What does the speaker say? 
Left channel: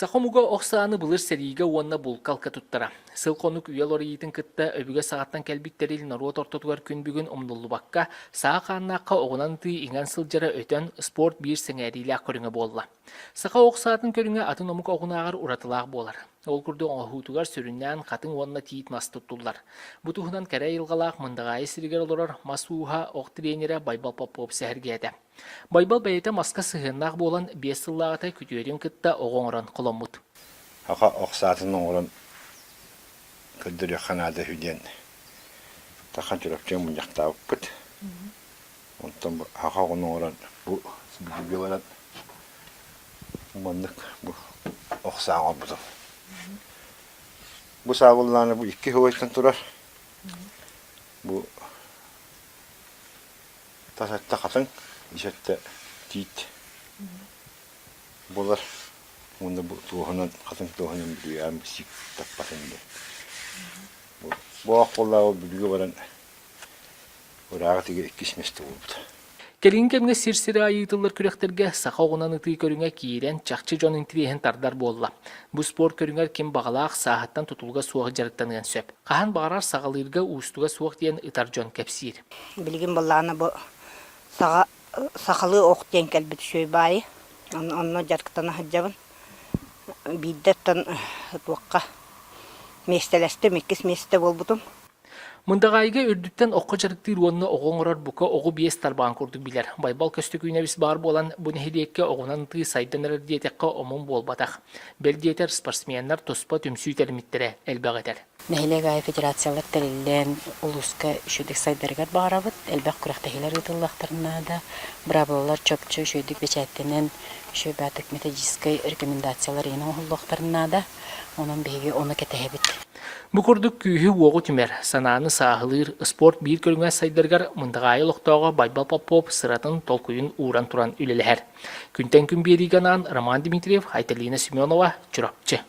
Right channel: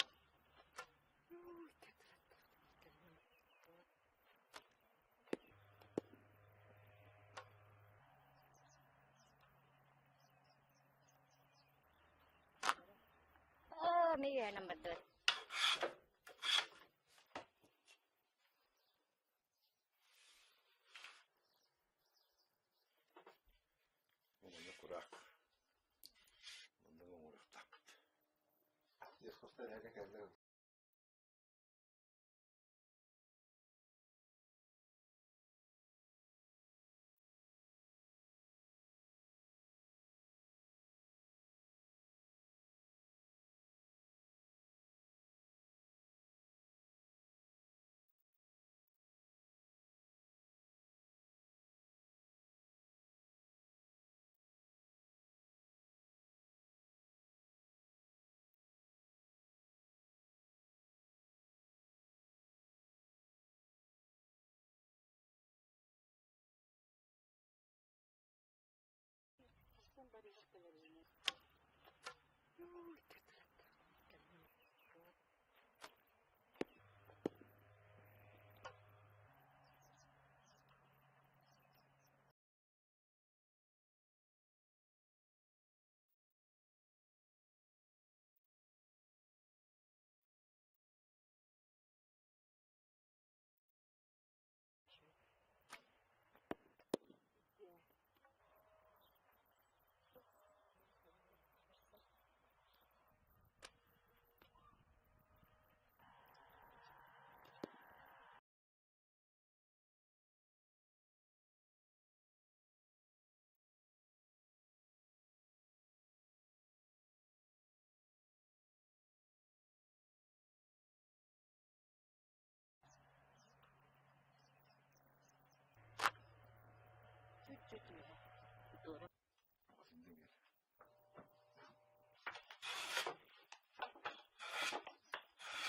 Сахомуга оксаны былыр сериге уонна булкалка туттара. Сыл конук үйел орыйытын кытта өбүге сағаттан кәлбиктерил наруа тортотугар күн бүгін омнуллубакка саға қаннаққа оғынан ты иңан сылжара өтөн спорт бир сеңәрилі көріңе болла. Сақа оксатын көріңе атын омук оғынағар уратылақ болар. Ол күрді оңахутугар сөріннен қатын уонна тиит мас туттулар. Бұтуғынан кәрі илғалақ мындағайы сиригер олорар масуға оқ тренері Байбал Попов сәхіргеді. Байбал бәйеті маска сығыннақ болан 5 сыллағыта күтөрін кытта оғоңыран құлымыд. Ақа оқсатын оңырын күлдірі қанады хүден. Тақан жүрөптен мұн жақтауып күт. Онтан ақа оңырын бұл бүлге барад. Мұндық бұл оқсаң олбұдым. Бұл сағылланы бұл 2 хөветтен тұрар. Бұл тасатта қатын, ешетті тиит. Бұлар Онда туғынан, қатын туғынан бүліге әм сик таппатынды. Бұл аққоллағы бүліге баран ұрағы теге 2 месті болыпты. Келин кемге сирсире айытылыр күректерге сақа оғынан ұтый көріңе кейрен чақчы жон интирейін тардар болла. Бұл спорт көріңер кем бағалақ сағаттан тұтылға суағы жарықтанған сөп. Қахан бағарар сағалырға ұстуға суақ дейін ұтар жон кәпсир. Білген болағына бұл сақалы оқ дейін кәлбет шөй байы. Онны жарықтана хаджабын. Биддеттен туаққа местелесті, меккес месте болбутым. Мындағайға үрдіттен оққа жарықтыр онны оғоңырар бұқа оғы бейес тарбаған көрдік білер. Байбал көстік үйнебіс бар болан бұны хедекке оғынан тұй сайданыр диетекке омын болбатақ. Бел диетер спортсменлер тоспа түмсүй тәрметтері әлбәқ етер. Нәхилегай федерациялар тәрелден ұлысқа үшедік сайдарғат бағарабыд. Әлбәқ күрәқтәхилер ұтылақтарына да бұрабылар чөпчі үшедік бечәттенен үшебәтік методическай рекомендациялар ең ұлықтарына да оның бейге оны кәтәхебіт. Бұ күрдік күйі оғы түмер, сананы сағылыр, спорт бір көріңе сайдарғар мұндағайы лоқтауға Байбал Попов сыратын толкуын уран туран үлелер. Күнтен күн берігенан Роман Дмитриев, Айталина Семенова, Чурапчы.